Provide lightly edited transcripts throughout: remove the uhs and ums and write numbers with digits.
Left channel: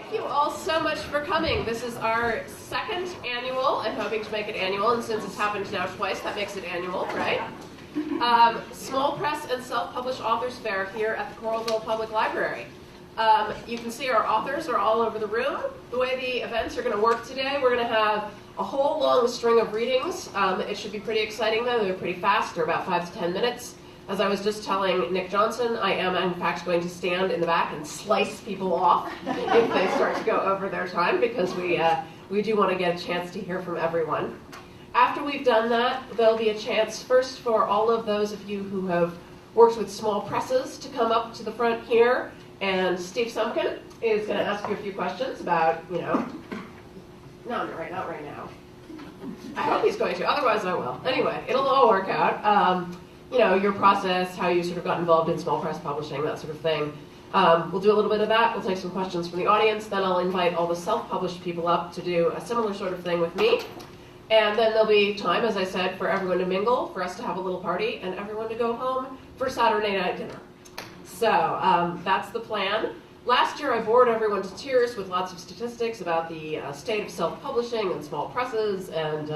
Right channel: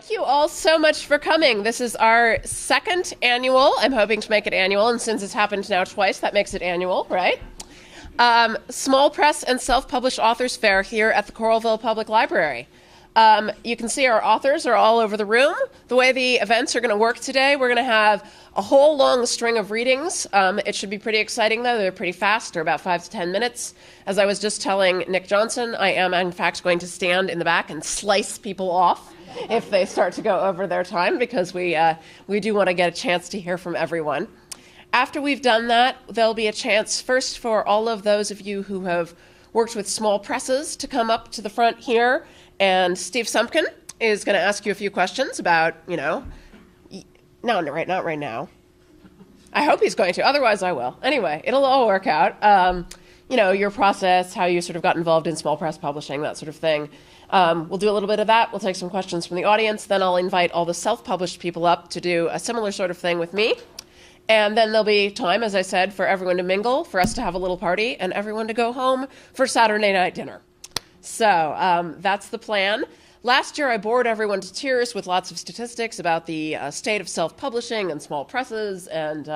Thank you all so much for coming. This is our second annual. I'm hoping to make it annual, and since it's happened now twice, that makes it annual, right? Small press and self-published authors fair here at the Coralville Public Library. You can see our authors are all over the room. The way the events are going to work today, we're going to have a whole long string of readings. It should be pretty exciting, though. They're pretty fast. They're about 5 to 10 minutes. As I was just telling Nick Johnson, I am, in fact, going to stand in the back and slice people off if they start to go over their time, because we do want to get a chance to hear from everyone. After we've done that, there'll be a chance first for all of those of you who have worked with small presses to come up to the front here, and Steve Semken is going to ask you a few questions about, not right now. I hope he's going to, otherwise I will. Anyway, it'll all work out. Your process, how you sort of got involved in small press publishing, that sort of thing. We'll do a little bit of that. We'll take some questions from the audience. Then I'll invite all the self-published people up to do a similar sort of thing with me. And then there'll be time, as I said, for everyone to mingle, for us to have a little party, and everyone to go home for Saturday night dinner. So that's the plan. Last year I bored everyone to tears with lots of statistics about the state of self-publishing and small presses, and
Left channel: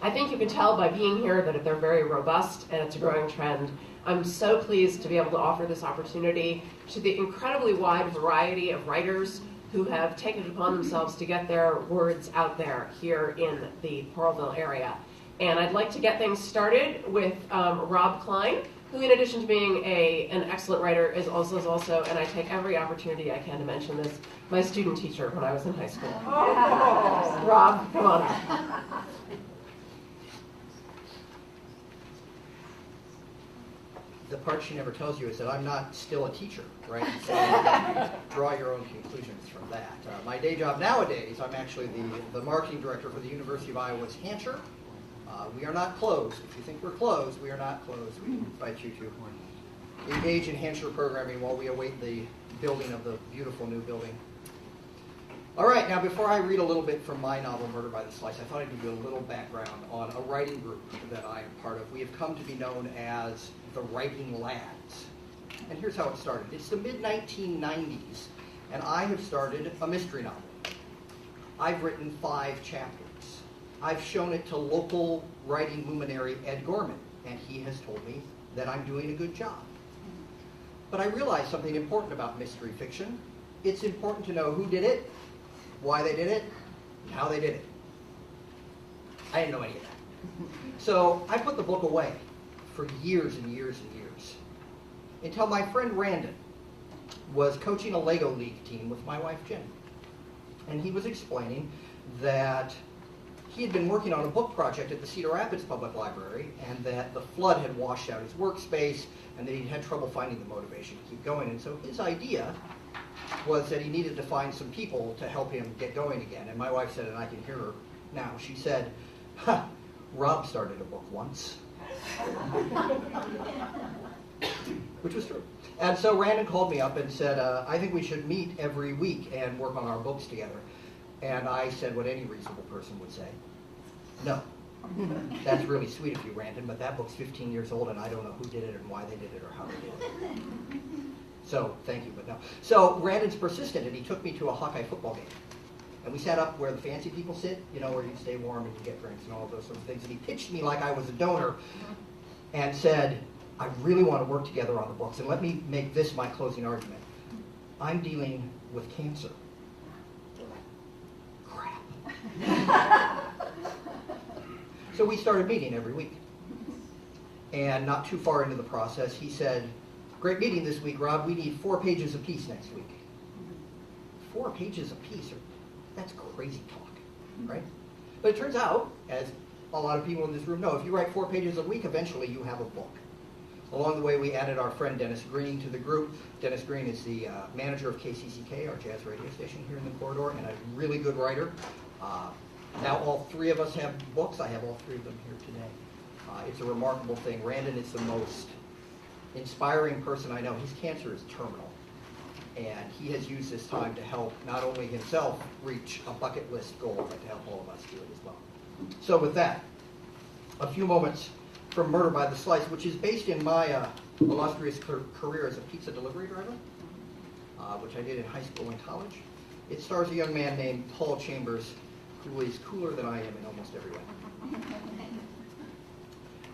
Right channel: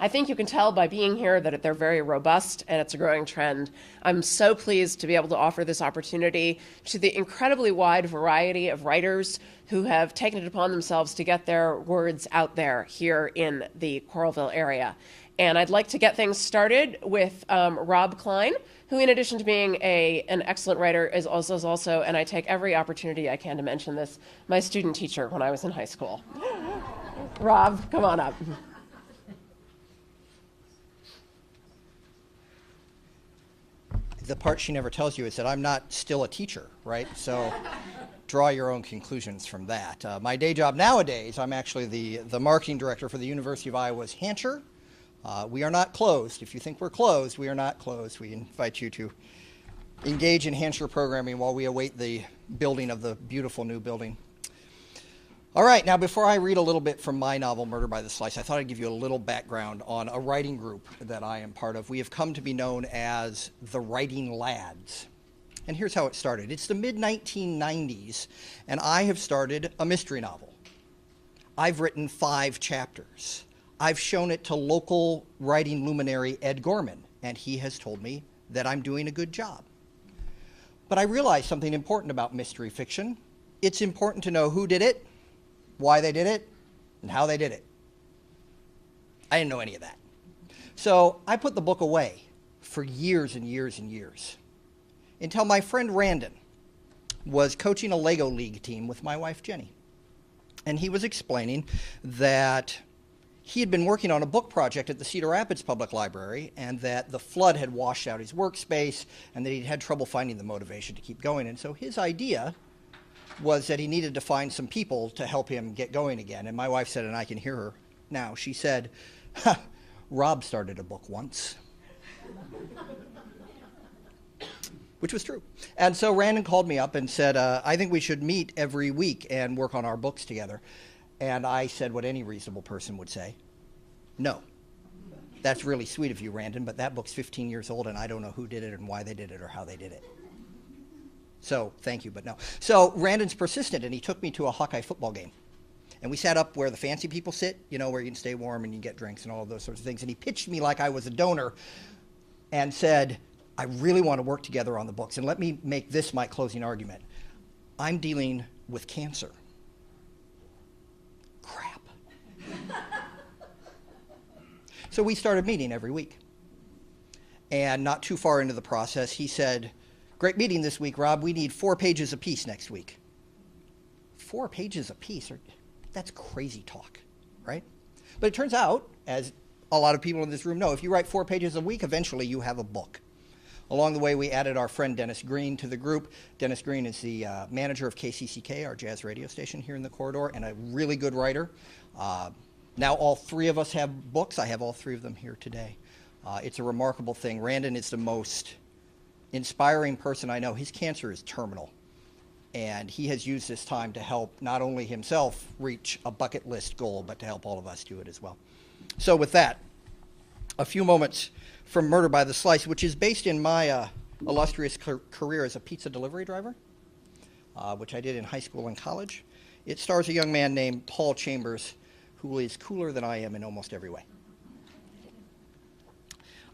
I think you can tell by being here that they're very robust and it's a growing trend. I'm so pleased to be able to offer this opportunity to the incredibly wide variety of writers who have taken it upon themselves to get their words out there here in the Coralville area. And I'd like to get things started with Rob Cline, who, in addition to being an excellent writer, is also, and I take every opportunity I can to mention this, my student teacher when I was in high school. Rob, come on up. The part she never tells you is that I'm not still a teacher, right? So draw your own conclusions from that. My day job nowadays, I'm actually the marketing director for the University of Iowa's Hansher. We are not closed. If you think we're closed, we are not closed. We invite you to engage in Hansher programming while we await the building of the beautiful new building. All right, now before I read a little bit from my novel, Murder by the Slice, I thought I'd give you a little background on a writing group that I am part of. We have come to be known as the Writing Lads. And here's how it started. It's the mid-1990s, and I have started a mystery novel. I've written 5 chapters. I've shown it to local writing luminary Ed Gorman, and he has told me that I'm doing a good job. But I realized something important about mystery fiction. It's important to know who did it, why they did it, and how they did it. I didn't know any of that. So I put the book away for years and years and years, until my friend Randon was coaching a Lego League team with my wife Jenny. And he was explaining that he had been working on a book project at the Cedar Rapids Public Library, and that the flood had washed out his workspace, and that he'd had trouble finding the motivation to keep going. And so his idea was that he needed to find some people to help him get going again. And my wife said, and I can hear her now, she said, Rob started a book once. Which was true. And so Randon called me up and said, I think we should meet every week and work on our books together. And I said what any reasonable person would say, no. That's really sweet of you, Randon, but that book's 15 years old, and I don't know who did it and why they did it or how they did it. So, thank you, but no. So, Randon's persistent, and he took me to a Hawkeye football game. And we sat up where the fancy people sit, where you can stay warm and you get drinks and all of those sorts of things. And he pitched me like I was a donor and said, I really want to work together on the books, and let me make this my closing argument. I'm dealing with cancer. Crap. So we started meeting every week. And not too far into the process, he said, great meeting this week, Rob. We need 4 pages apiece next week. 4 pages apiece? That's crazy talk, right? But it turns out, as a lot of people in this room know, if you write 4 pages a week, eventually you have a book. Along the way, we added our friend Dennis Green to the group. Dennis Green is the manager of KCCK, our jazz radio station here in the corridor, and a really good writer. Now all 3 of us have books. I have all 3 of them here today. It's a remarkable thing. Randon is the most inspiring person I know. His cancer is terminal, and he has used this time to help not only himself reach a bucket list goal, but to help all of us do it as well. So with that, a few moments from Murder by the Slice, which is based in my illustrious career as a pizza delivery driver, which I did in high school and college. It stars a young man named Paul Chambers, who is cooler than I am in almost every way.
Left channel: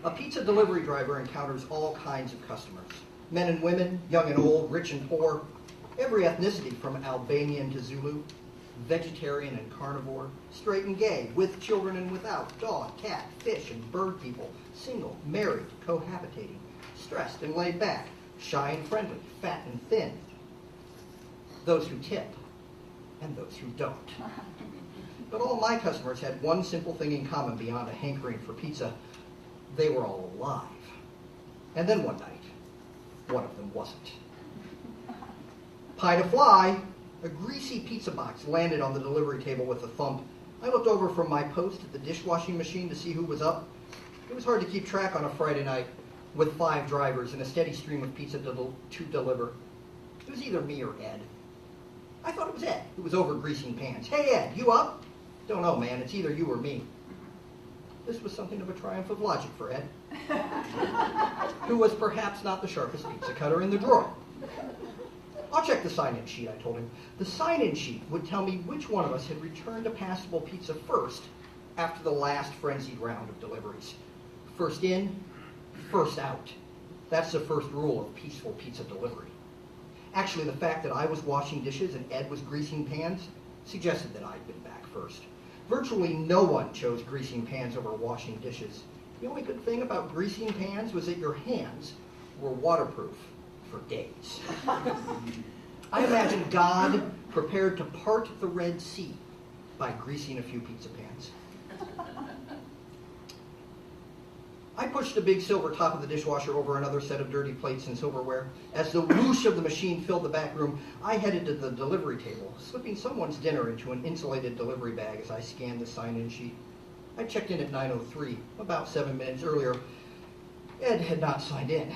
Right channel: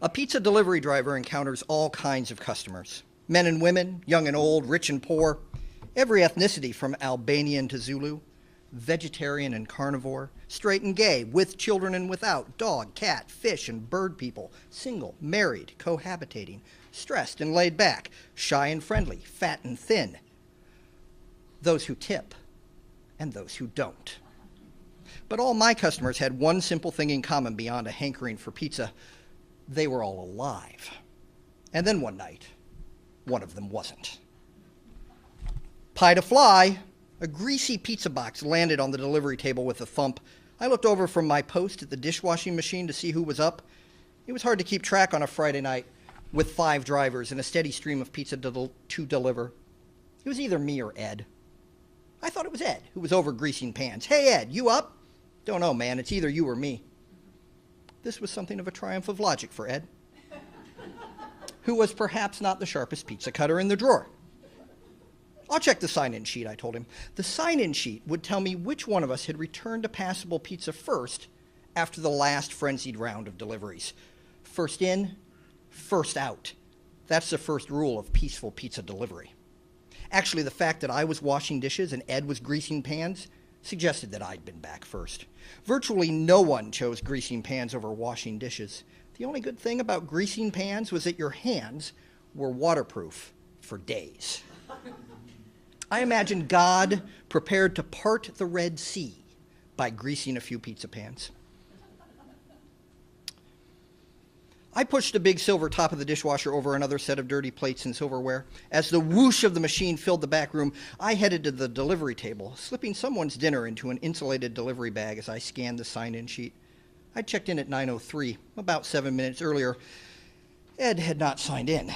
A pizza delivery driver encounters all kinds of customers. Men and women, young and old, rich and poor, every ethnicity from Albanian to Zulu, vegetarian and carnivore, straight and gay, with children and without, dog, cat, fish, and bird people, single, married, cohabitating, stressed and laid back, shy and friendly, fat and thin, those who tip and those who don't. But all my customers had one simple thing in common beyond a hankering for pizza. They were all alive. And then one night, one of them wasn't. Pie to fly, a greasy pizza box landed on the delivery table with a thump. I looked over from my post at the dishwashing machine to see who was up. It was hard to keep track on a Friday night with 5 drivers and a steady stream of pizza to deliver. It was either me or Ed. I thought it was Ed, who was over greasing pans. Hey Ed, you up? Don't know, man, it's either you or me. This was something of a triumph of logic for Ed, who was perhaps not the sharpest pizza cutter in the drawer. I'll check the sign-in sheet, I told him. The sign-in sheet would tell me which one of us had returned a passable pizza first after the last frenzied round of deliveries. First in, first out. That's the first rule of peaceful pizza delivery. Actually, the fact that I was washing dishes and Ed was greasing pans suggested that I'd been back first. Virtually no one chose greasing pans over washing dishes. The only good thing about greasing pans was that your hands were waterproof for days. I imagine God prepared to part the Red Sea by greasing a few pizza pans. I pushed a big silver top of the dishwasher over another set of dirty plates and silverware. As the whoosh of the machine filled the back room, I headed to the delivery table, slipping someone's dinner into an insulated delivery bag as I scanned the sign-in sheet. I checked in at 9:03, about 7 minutes earlier. Ed had not signed in.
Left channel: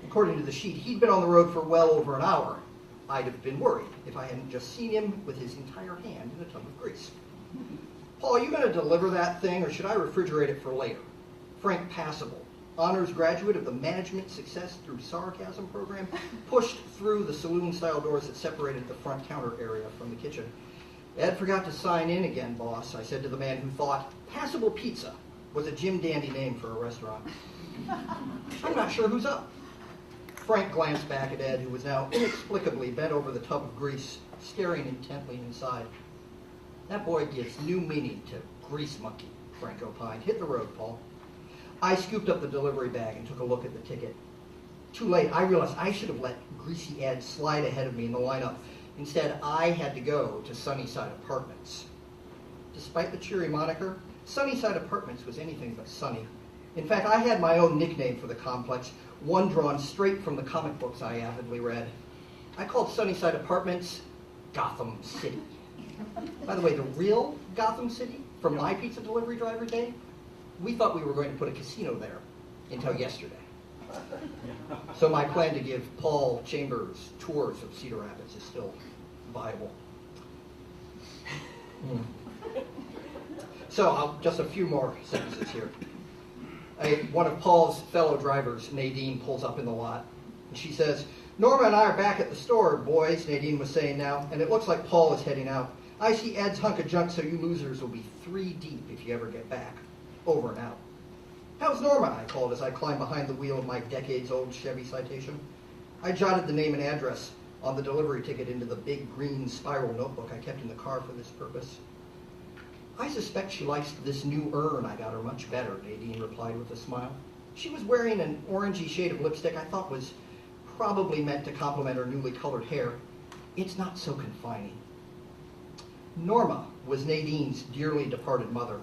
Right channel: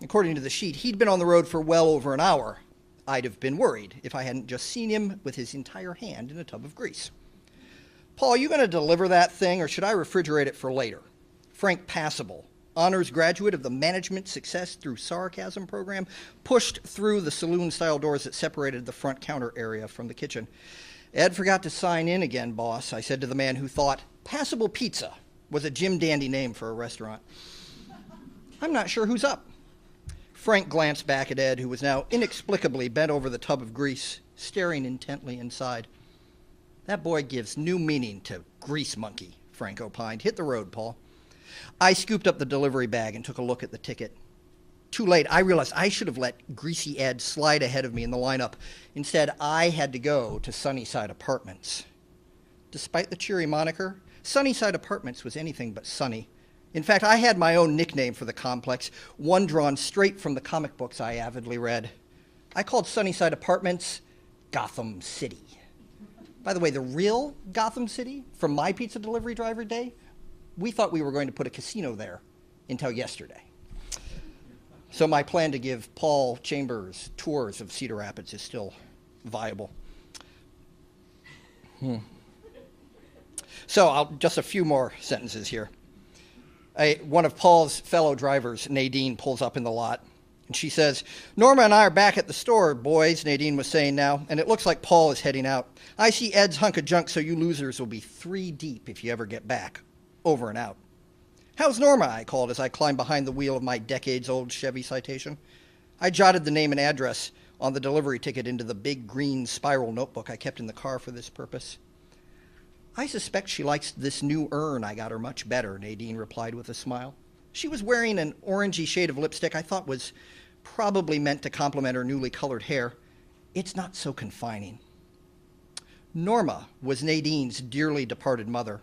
According to the sheet, he'd been on the road for well over an hour. I'd have been worried if I hadn't just seen him with his entire hand in a tub of grease. Paul, you going to deliver that thing, or should I refrigerate it for later? Frank Passable, honors graduate of the Management Success Through Sarcasm program, pushed through the saloon-style doors that separated the front counter area from the kitchen. Ed forgot to sign in again, boss, I said to the man who thought Passable Pizza was a Jim Dandy name for a restaurant. I'm not sure who's up. Frank glanced back at Ed, who was now inexplicably bent over the tub of grease, staring intently inside. That boy gives new meaning to grease monkey, Frank opined. Hit the road, Paul. I scooped up the delivery bag and took a look at the ticket. Too late, I realized I should have let Greasy Ed slide ahead of me in the lineup. Instead, I had to go to Sunnyside Apartments. Despite the cheery moniker, Sunnyside Apartments was anything but sunny. In fact, I had my own nickname for the complex, one drawn straight from the comic books I avidly read. I called Sunnyside Apartments Gotham City. By the way, the real Gotham City from my pizza delivery driver day, we thought we were going to put a casino there until yesterday. So my plan to give Paul Chambers tours of Cedar Rapids is still viable. So just a few more sentences here. One of Paul's fellow drivers, Nadine, pulls up in the lot. And she says, Norma and I are back at the store, boys, Nadine was saying now, and it looks like Paul is heading out. I see Ed's hunk of junk, so you losers will be 3 deep if you ever get back. Over and out. How's Norma? I called as I climbed behind the wheel of my decades-old Chevy Citation. I jotted the name and address on the delivery ticket into the big green spiral notebook I kept in the car for this purpose. I suspect she likes this new urn I got her much better, Nadine replied with a smile. She was wearing an orangey shade of lipstick I thought was probably meant to complement her newly colored hair. It's not so confining. Norma was Nadine's dearly departed mother.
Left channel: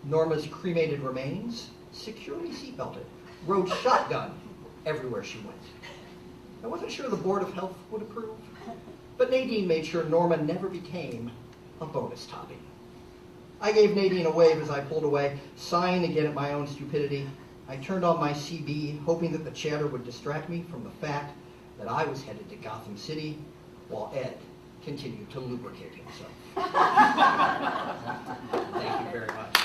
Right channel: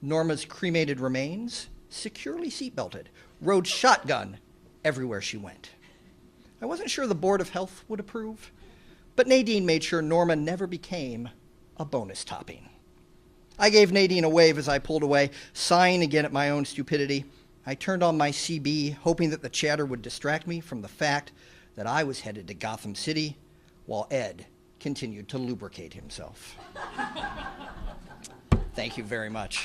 Norma's cremated remains, securely seatbelted, rode shotgun everywhere she went. I wasn't sure the Board of Health would approve, but Nadine made sure Norma never became a bonus topping. I gave Nadine a wave as I pulled away, sighing again at my own stupidity. I turned on my CB, hoping that the chatter would distract me from the fact that I was headed to Gotham City while Ed continued to lubricate himself. Thank you very much.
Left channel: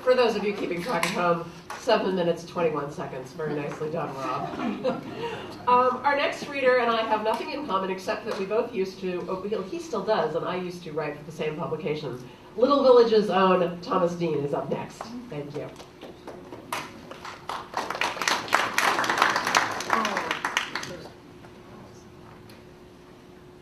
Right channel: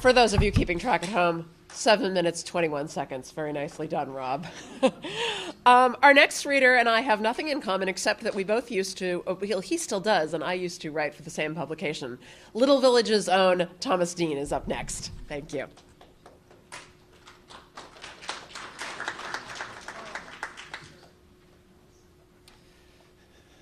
For those of you keeping track at home, 7 minutes, 21 seconds. Very nicely done, Rob. Our next reader and I have nothing in common except that we both used to, he still does, and I used to write for the same publication. Little Village's own Thomas Dean is up next. Thank you.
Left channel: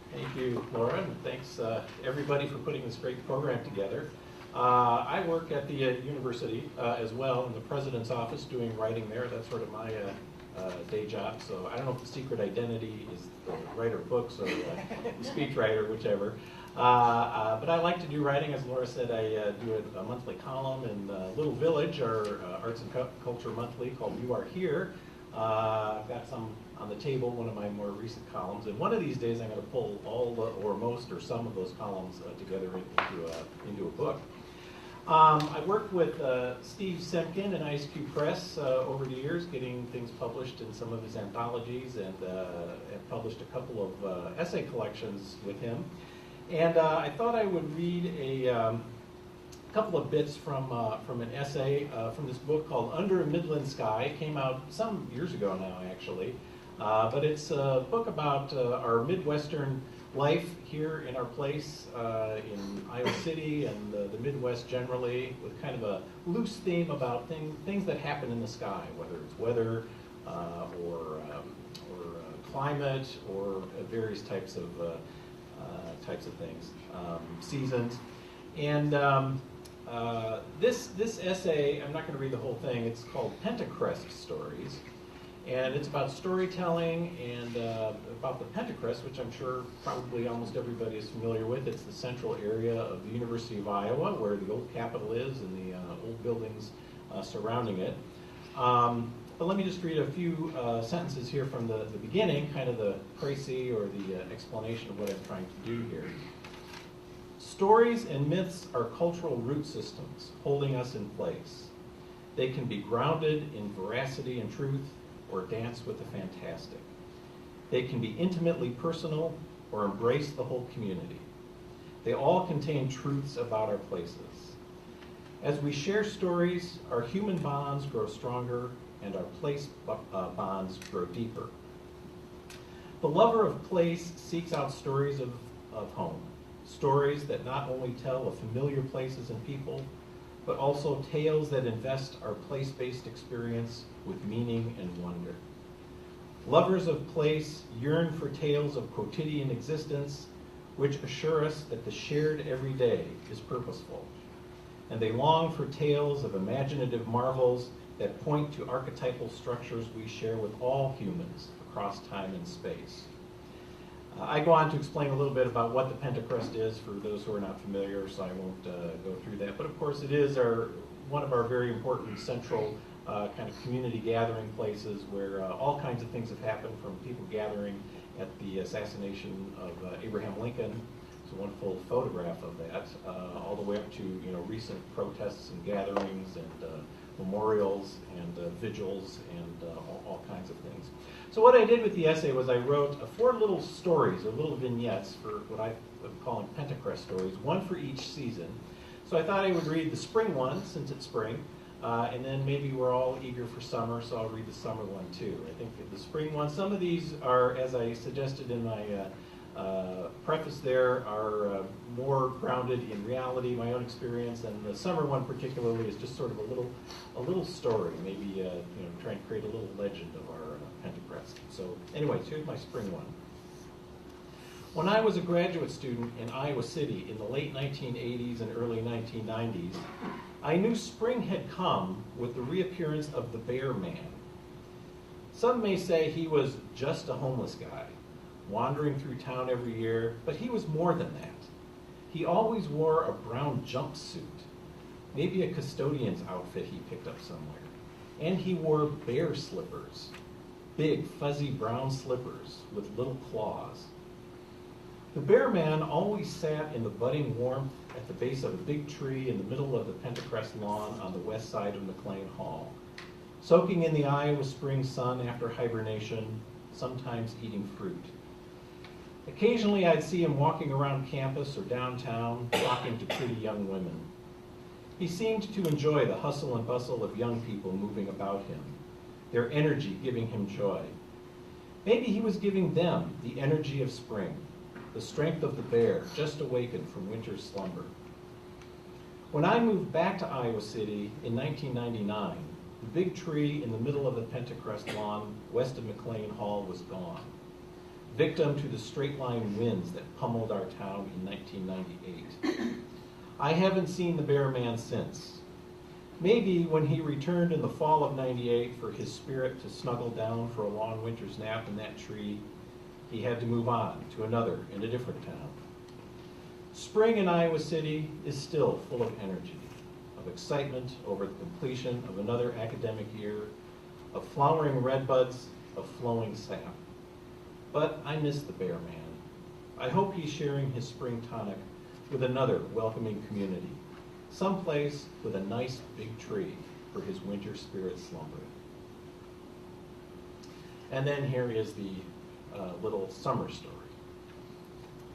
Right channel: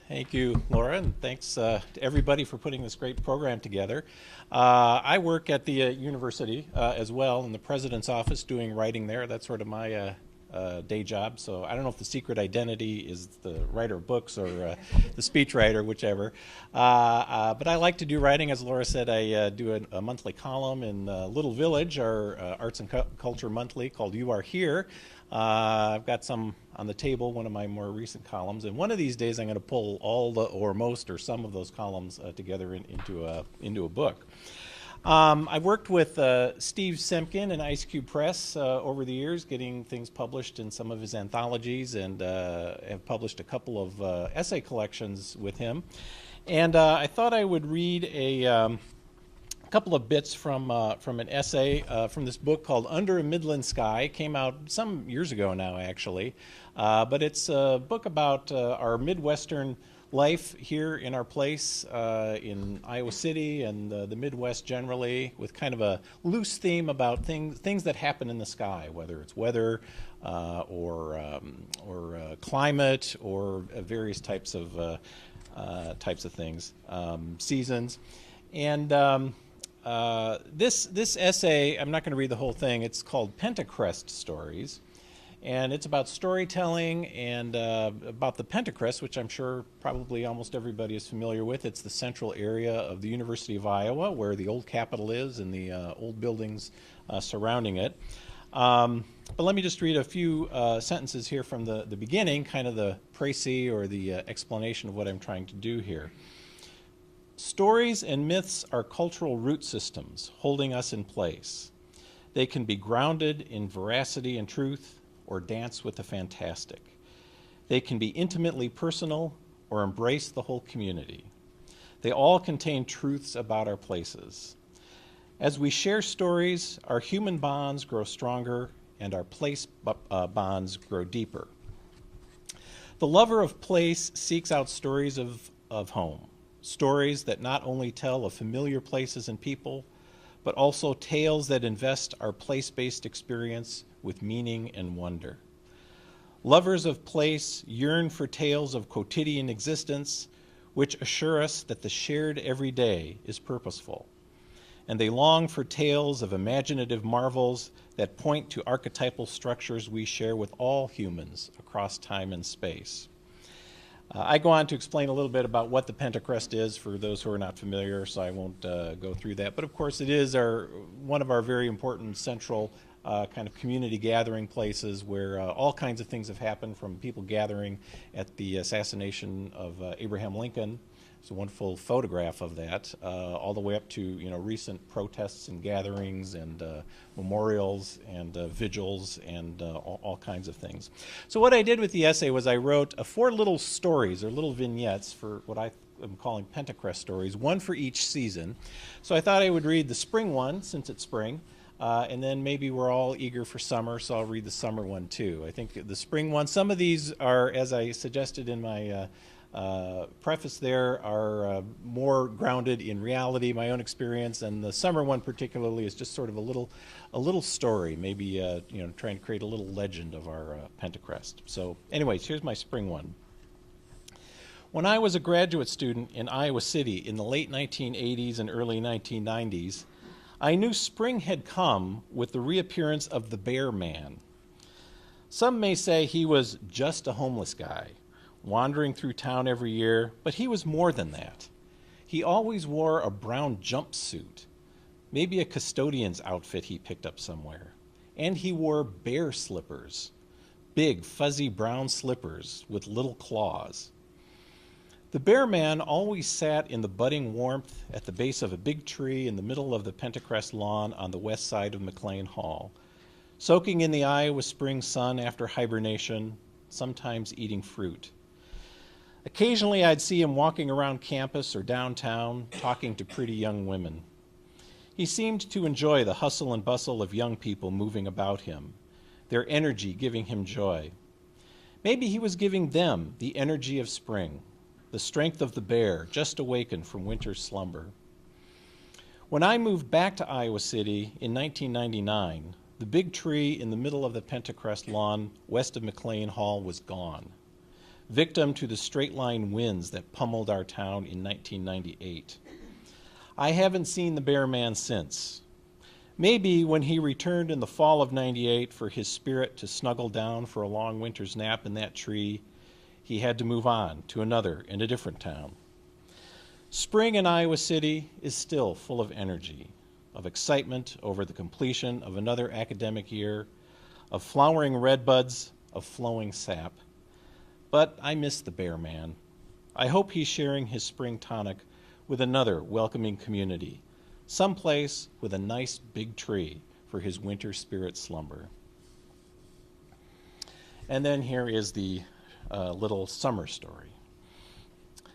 Thank you, Laura, and thanks to everybody for putting this great program together. I work at the university as well in the president's office doing writing there. That's sort of my day job. So I don't know if the secret identity is the writer of books or the speechwriter, whichever. But I like to do writing. As Laura said, I do a monthly column in Little Village, our Arts and Culture Monthly called You Are Here. I've got some on the table, one of my more recent columns, and one of these days I'm going to pull all the, or most, or some of those columns together into a book. I've worked with Steve Semken and Ice Cube Press over the years, getting things published in some of his anthologies, and have published a couple of essay collections with him. And I thought I would read a couple of bits from an essay from this book called Under a Midland Sky. It came out some years ago now, actually. But it's a book about our Midwestern life here in our place in Iowa City and the Midwest generally, with kind of a loose theme about things that happen in the sky, whether it's weather or climate or various types of things, seasons. And this essay, I'm not going to read the whole thing. It's called Pentacrest Stories. And it's about storytelling and about the Pentacrest, which I'm sure probably almost everybody is familiar with. It's the central area of the University of Iowa, where the old Capitol is and the old buildings surrounding it. But let me just read a few sentences here from the beginning, kind of the précis or the explanation of what I'm trying to do here. Stories and myths are cultural root systems holding us in place. They can be grounded in veracity and truth, or dance with the fantastic. They can be intimately personal or embrace the whole community. They all contain truths about our places. As we share stories, our human bonds grow stronger and our place bonds grow deeper. The lover of place seeks out stories of home, stories that not only tell of familiar places and people, but also tales that invest our place-based experience with meaning and wonder. Lovers of place yearn for tales of quotidian existence, which assure us that the shared everyday is purposeful. And they long for tales of imaginative marvels that point to archetypal structures we share with all humans across time and space. I go on to explain a little bit about what the Pentacrest is for those who are not familiar, so I won't go through that. But of course it is one of our very important central kind of community gathering places where all kinds of things have happened, from people gathering at the assassination of Abraham Lincoln. It's a wonderful photograph of that, all the way up to recent protests and gatherings and memorials and vigils and all kinds of things. So what I did with the essay was I wrote 4 little stories, or little vignettes, for what I'm calling Pentacrest stories, one for each season. So I thought I would read the spring one, since it's spring, and then maybe we're all eager for summer, so I'll read the summer one too. I think the spring one, some of these are, as I suggested in my preface there, are more grounded in reality, my own experience, and the summer one particularly is just sort of a little story, maybe trying to create a little legend of our Pentacrest. So anyways, here's my spring one. When I was a graduate student in Iowa City in the late 1980s and early 1990s, I knew spring had come with the reappearance of the Bear Man. Some may say he was just a homeless guy, wandering through town every year, but he was more than that. He always wore a brown jumpsuit, maybe a custodian's outfit he picked up somewhere. And he wore bear slippers, big fuzzy brown slippers with little claws. The Bear Man always sat in the budding warmth at the base of a big tree in the middle of the Pentacrest lawn on the west side of McLean Hall, soaking in the Iowa spring sun after hibernation, sometimes eating fruit. Occasionally I'd see him walking around campus or downtown, talking to pretty young women. He seemed to enjoy the hustle and bustle of young people moving about him, their energy giving him joy. Maybe he was giving them the energy of spring, the strength of the bear just awakened from winter's slumber. When I moved back to Iowa City in 1999, the big tree in the middle of the Pentacrest lawn west of McLean Hall was gone, victim to the straight-line winds that pummeled our town in 1998. I haven't seen the bear man since. Maybe when he returned in the fall of '98 for his spirit to snuggle down for a long winter's nap in that tree, he had to move on to another in a different town. Spring in Iowa City is still full of energy, of excitement over the completion of another academic year, of flowering redbuds, of flowing sap. But I miss the bear man. I hope he's sharing his spring tonic with another welcoming community, someplace with a nice big tree for his winter spirit slumber. And then here is the little summer story.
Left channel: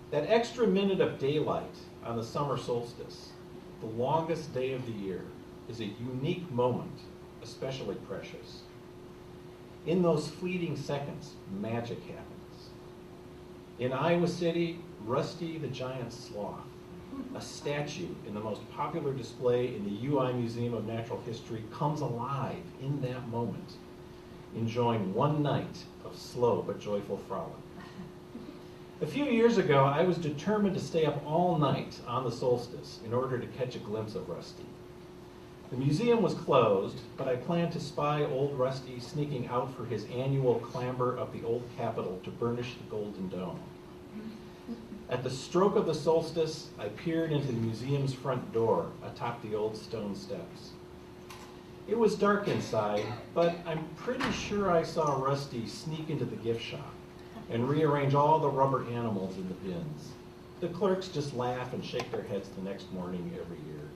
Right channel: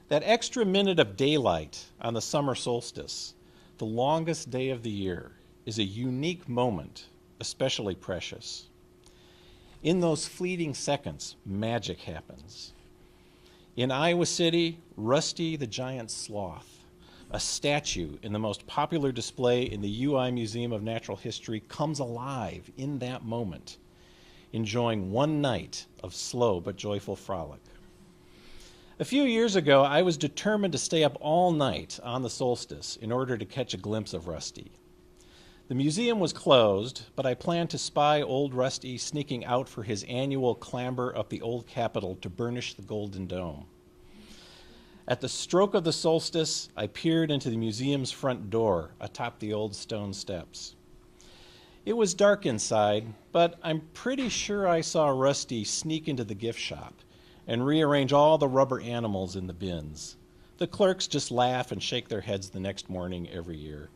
That extra minute of daylight on the summer solstice, the longest day of the year, is a unique moment, especially precious. In those fleeting seconds, magic happens. In Iowa City, Rusty the Giant Sloth, a statue in the most popular display in the UI Museum of Natural History, comes alive in that moment, enjoying one night of slow but joyful frolic. A few years ago, I was determined to stay up all night on the solstice in order to catch a glimpse of Rusty. The museum was closed, but I planned to spy old Rusty sneaking out for his annual clamber up the old Capitol to burnish the Golden Dome. At the stroke of the solstice, I peered into the museum's front door atop the old stone steps. It was dark inside, but I'm pretty sure I saw Rusty sneak into the gift shop and rearrange all the rubber animals in the bins. The clerks just laugh and shake their heads the next morning every year.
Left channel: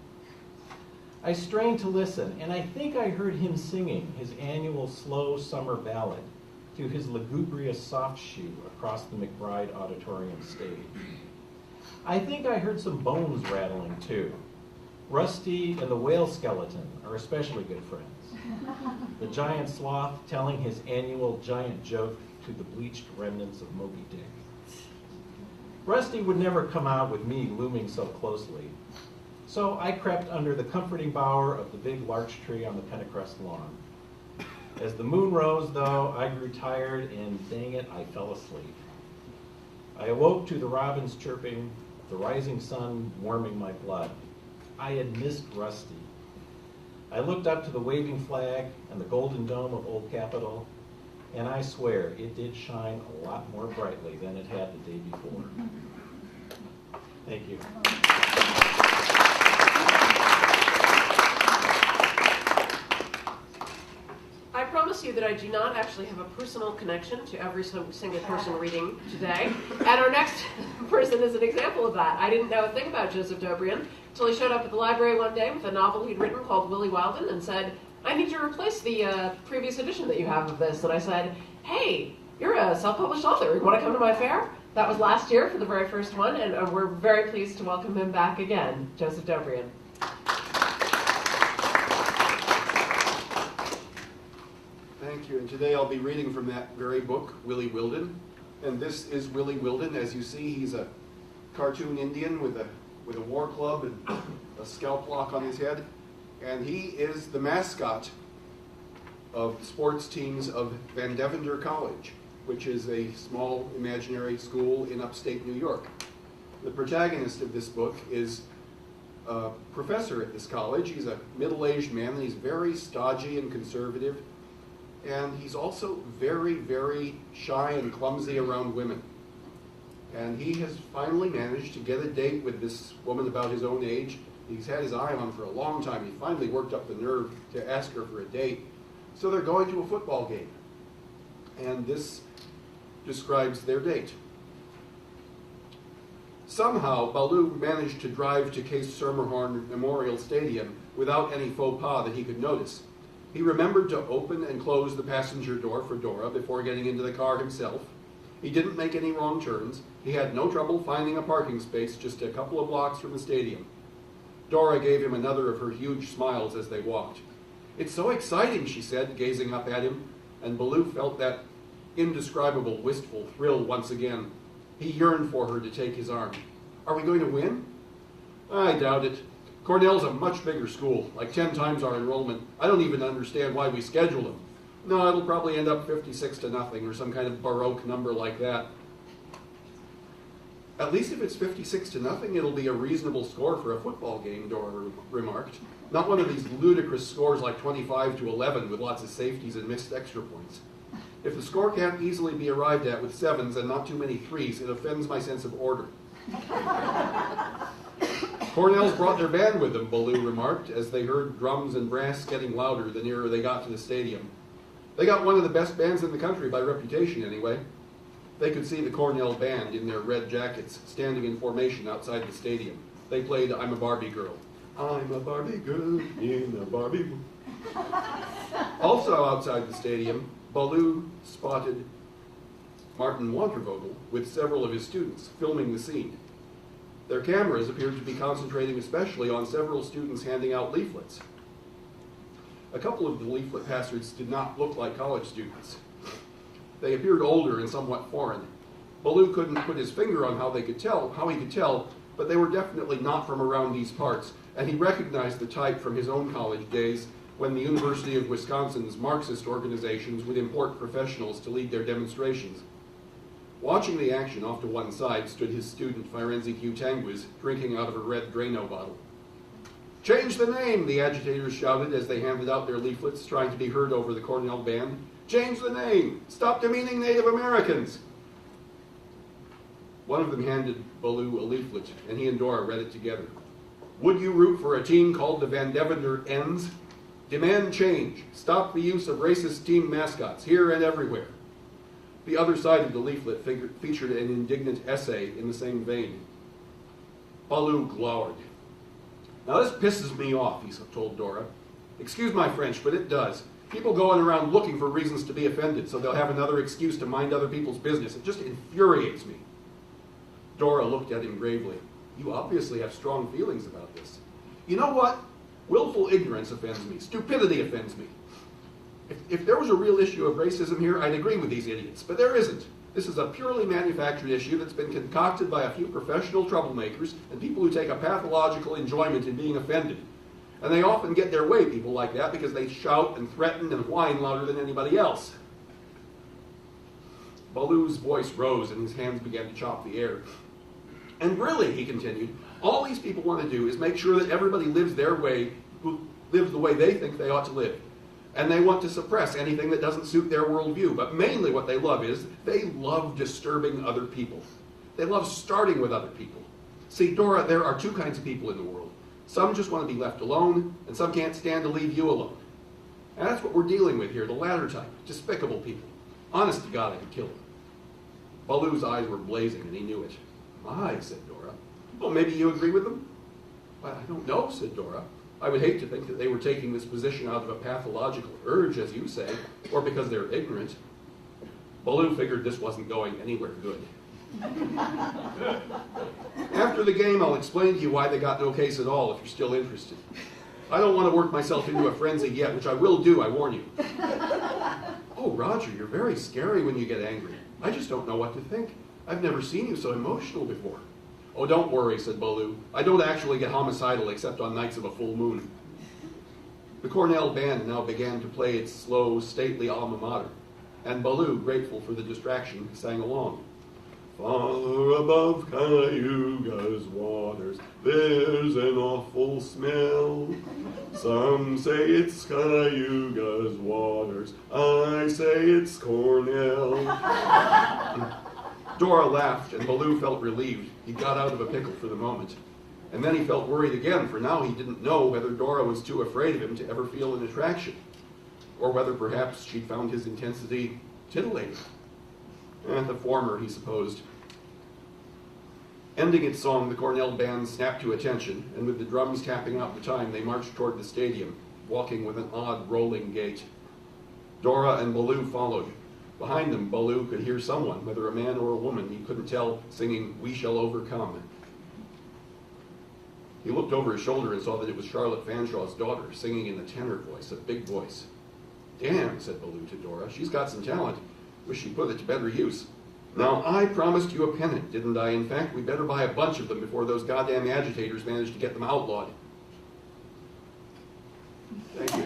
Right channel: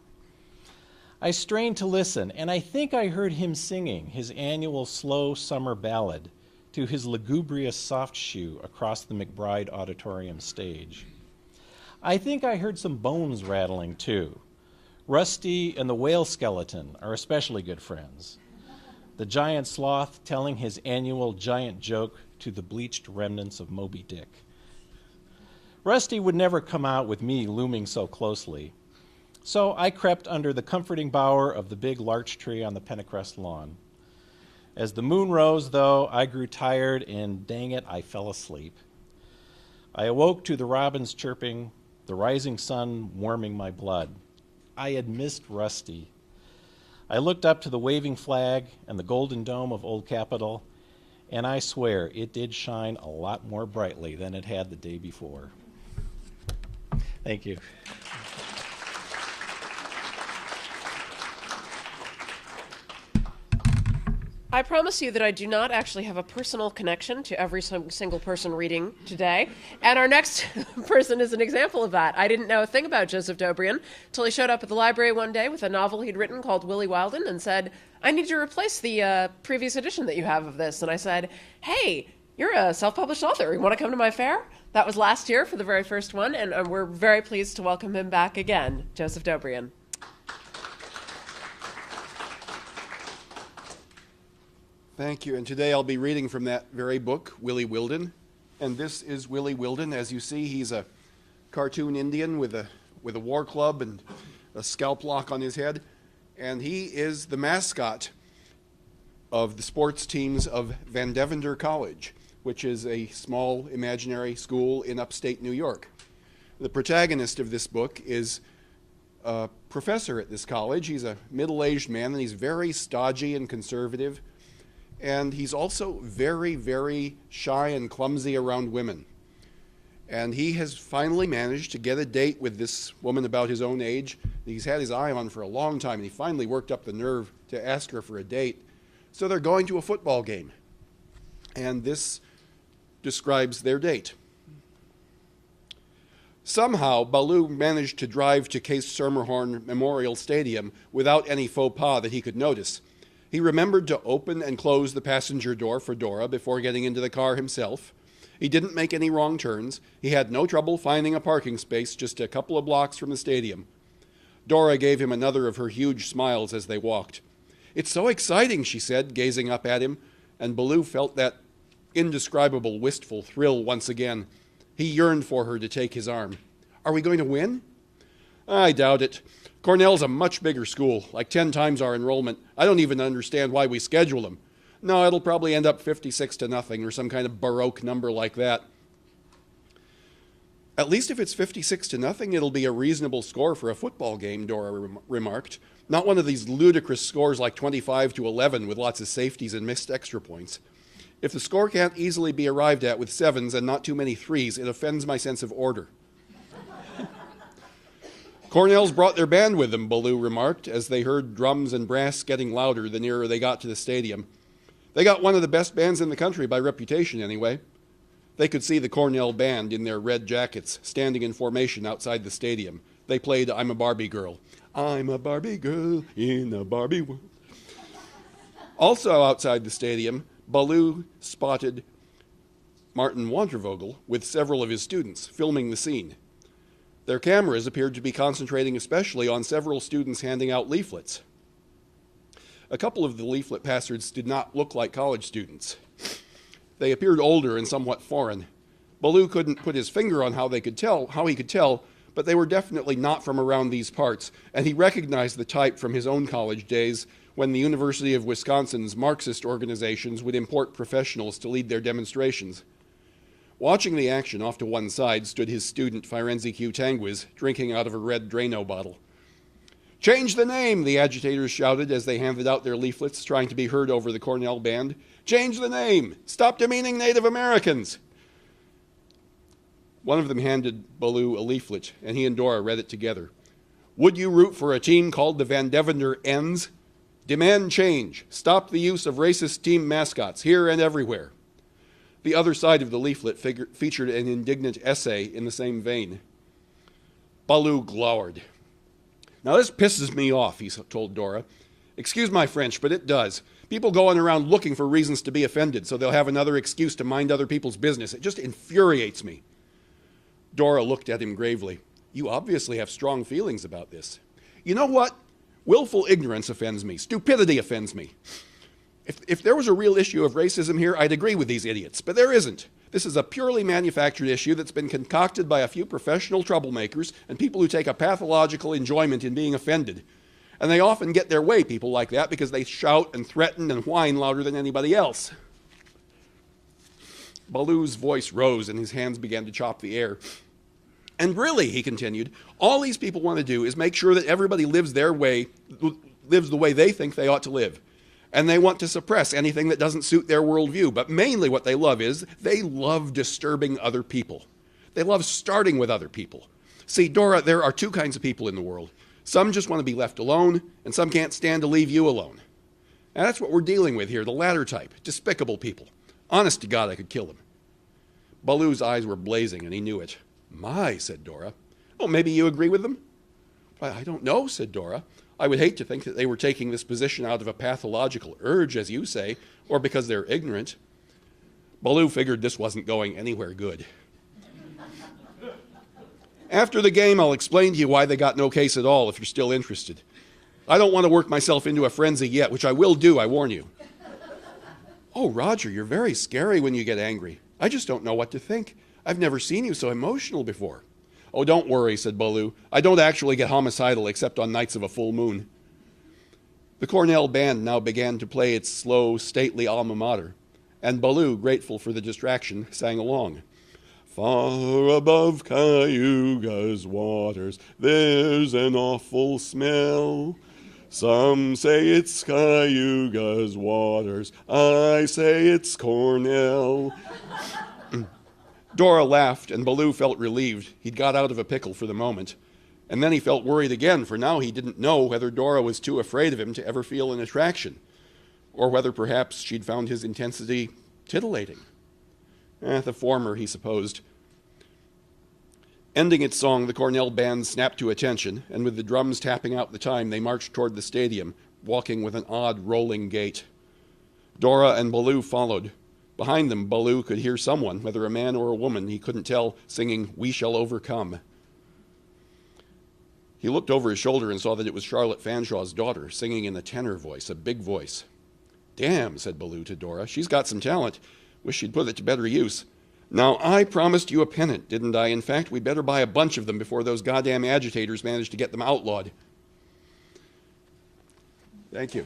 I strained to listen, and I think I heard him singing his annual slow summer ballad to his lugubrious soft shoe across the McBride Auditorium stage. I think I heard some bones rattling too. Rusty and the whale skeleton are especially good friends. The giant sloth telling his annual giant joke to the bleached remnants of Moby Dick. Rusty would never come out with me looming so closely, so I crept under the comforting bower of the big larch tree on the Pentacrest lawn. As the moon rose, though, I grew tired, and dang it, I fell asleep. I awoke to the robins chirping, the rising sun warming my blood. I had missed Rusty. I looked up to the waving flag and the golden dome of Old Capitol, and I swear it did shine a lot more brightly than it had the day before. Thank you. I promise you that I do not actually have a personal connection to every single person reading today. And our next person is an example of that. I didn't know a thing about Joseph Dobrian until he showed up at the library one day with a novel he'd written called Willie Wilden and said, I need to replace the previous edition that you have of this. And I said, hey, you're a self-published author. You want to come to my fair? That was last year for the very first one, and we're very pleased to welcome him back again, Joseph Dobrian. Thank you, and today I'll be reading from that very book, Willie Wilden. And this is Willie Wilden. As you see, he's a cartoon Indian with a war club and a scalp lock on his head. And he is the mascot of the sports teams of Van Deventer College, which is a small imaginary school in upstate New York. The protagonist of this book is a professor at this college. He's a middle-aged man, and he's very stodgy and conservative. And he's also very, very shy and clumsy around women. And he has finally managed to get a date with this woman about his own age. He's had his eye on for a long time. He finally worked up the nerve to ask her for a date. So they're going to a football game. And this describes their date. Somehow, Baloo managed to drive to Case Schermerhorn Memorial Stadium without any faux pas that he could notice. He remembered to open and close the passenger door for Dora before getting into the car himself. He didn't make any wrong turns. He had no trouble finding a parking space just a couple of blocks from the stadium. Dora gave him another of her huge smiles as they walked. "It's so exciting," she said, gazing up at him, and Baloo felt that indescribable wistful thrill once again. He yearned for her to take his arm. "Are we going to win?" "I doubt it. Cornell's a much bigger school, like 10 times our enrollment. I don't even understand why we schedule them. No, it'll probably end up 56-0 or some kind of Baroque number like that." "At least if it's 56-0, it'll be a reasonable score for a football game," Dora remarked. "Not one of these ludicrous scores like 25-11 with lots of safeties and missed extra points. If the score can't easily be arrived at with 7s and not too many 3s, it offends my sense of order." "Cornell's brought their band with them," Baloo remarked, as they heard drums and brass getting louder the nearer they got to the stadium. "They got one of the best bands in the country by reputation, anyway." They could see the Cornell band in their red jackets, standing in formation outside the stadium. They played "I'm a Barbie Girl." "I'm a Barbie girl in a Barbie world." Also outside the stadium, Baloo spotted Martin Wantervogel with several of his students filming the scene. Their cameras appeared to be concentrating especially on several students handing out leaflets. A couple of the leaflet passers did not look like college students. They appeared older and somewhat foreign. Baloo couldn't put his finger on how he could tell, but they were definitely not from around these parts, and he recognized the type from his own college days when the University of Wisconsin's Marxist organizations would import professionals to lead their demonstrations. Watching the action off to one side stood his student Firenze Q. Tangwiz, drinking out of a red Drano bottle. "Change the name," the agitators shouted as they handed out their leaflets, trying to be heard over the Cornell band. "Change the name! Stop demeaning Native Americans!" One of them handed Baloo a leaflet, and he and Dora read it together. "Would you root for a team called the Van Devender Ends? Demand change. Stop the use of racist team mascots, here and everywhere." The other side of the leaflet featured an indignant essay in the same vein. Baloo glowered. "Now this pisses me off," he told Dora. "Excuse my French, but it does. People going around looking for reasons to be offended so they'll have another excuse to mind other people's business. It just infuriates me." Dora looked at him gravely. "You obviously have strong feelings about this." "You know what? Willful ignorance offends me. Stupidity offends me. If there was a real issue of racism here, I'd agree with these idiots, but there isn't. This is a purely manufactured issue that's been concocted by a few professional troublemakers and people who take a pathological enjoyment in being offended. And they often get their way, people like that, because they shout and threaten and whine louder than anybody else." Baloo's voice rose and his hands began to chop the air. "And really," he continued, "all these people want to do is make sure that everybody lives the way they think they ought to live. And they want to suppress anything that doesn't suit their worldview. But mainly what they love is they love disturbing other people. They love starting with other people. See, Dora, there are two kinds of people in the world. Some just want to be left alone, and some can't stand to leave you alone. And that's what we're dealing with here, the latter type, despicable people. Honest to God, I could kill them." Baloo's eyes were blazing, and he knew it. "My," said Dora. "Well, maybe you agree with them?" "I don't know," said Dora. "I would hate to think that they were taking this position out of a pathological urge, as you say, or because they're ignorant." Baloo figured this wasn't going anywhere good. "After the game, I'll explain to you why they got no case at all, if you're still interested. I don't want to work myself into a frenzy yet, which I will do, I warn you." "Oh, Roger, you're very scary when you get angry. I just don't know what to think. I've never seen you so emotional before." "Oh, don't worry," said Baloo. "I don't actually get homicidal except on nights of a full moon." The Cornell band now began to play its slow, stately alma mater, and Baloo, grateful for the distraction, sang along. "Far above Cayuga's waters, there's an awful smell. Some say it's Cayuga's waters, I say it's Cornell." Dora laughed, and Baloo felt relieved. He'd got out of a pickle for the moment. And then he felt worried again, for now he didn't know whether Dora was too afraid of him to ever feel an attraction, or whether perhaps she'd found his intensity titillating. The former, he supposed. Ending its song, the Cornell band snapped to attention, and with the drums tapping out the time, they marched toward the stadium, walking with an odd, rolling gait. Dora and Baloo followed. Behind them, Baloo could hear someone, whether a man or a woman, he couldn't tell, singing "We Shall Overcome." He looked over his shoulder and saw that it was Charlotte Fanshaw's daughter, singing in a tenor voice, a big voice. "Damn," said Baloo to Dora, "she's got some talent. Wish she'd put it to better use. Now, I promised you a pennant, didn't I? In fact, we better buy a bunch of them before those goddamn agitators manage to get them outlawed." Thank you.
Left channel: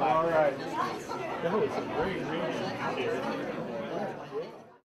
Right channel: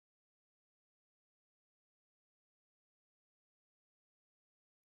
All right. That was a great reading here.